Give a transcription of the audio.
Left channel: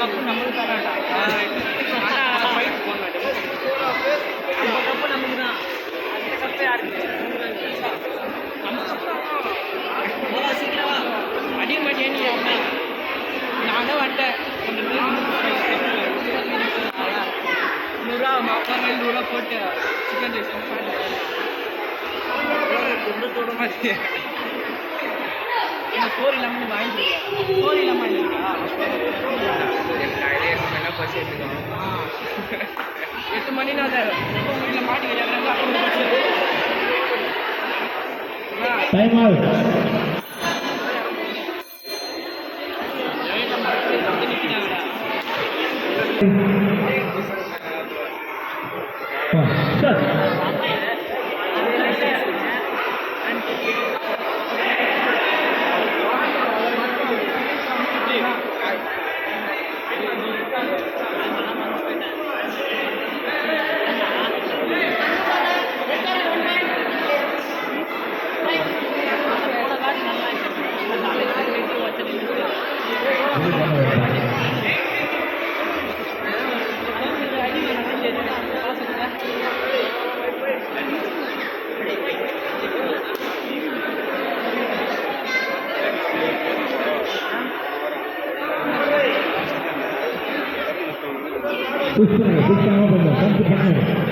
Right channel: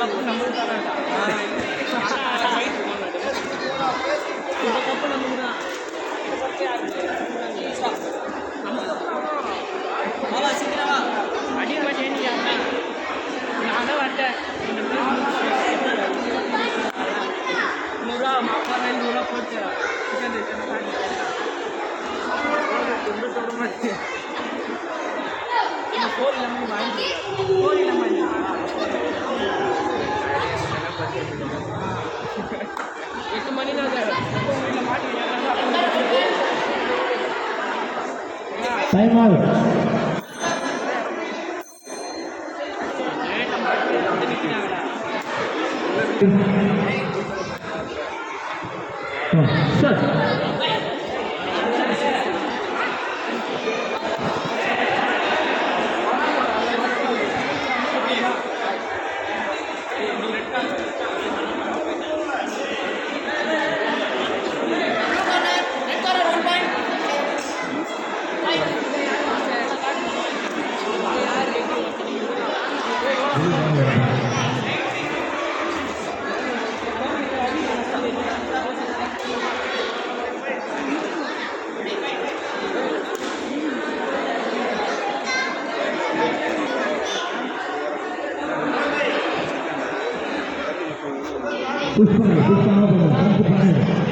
ಕಪ್ಪು ನಮ್ಮದು ಕರಾಟ அடி மணி நானும் வந்தேன் 100 மாப்பாடு 100 போட்டு சிக்கன் கோரி நம்ம வாங்கி கோரி நம்ம 8 மணி நான் வீட்டில் மாட்டிக்கிறாங்க டைம் அவுட் Push பண்ணு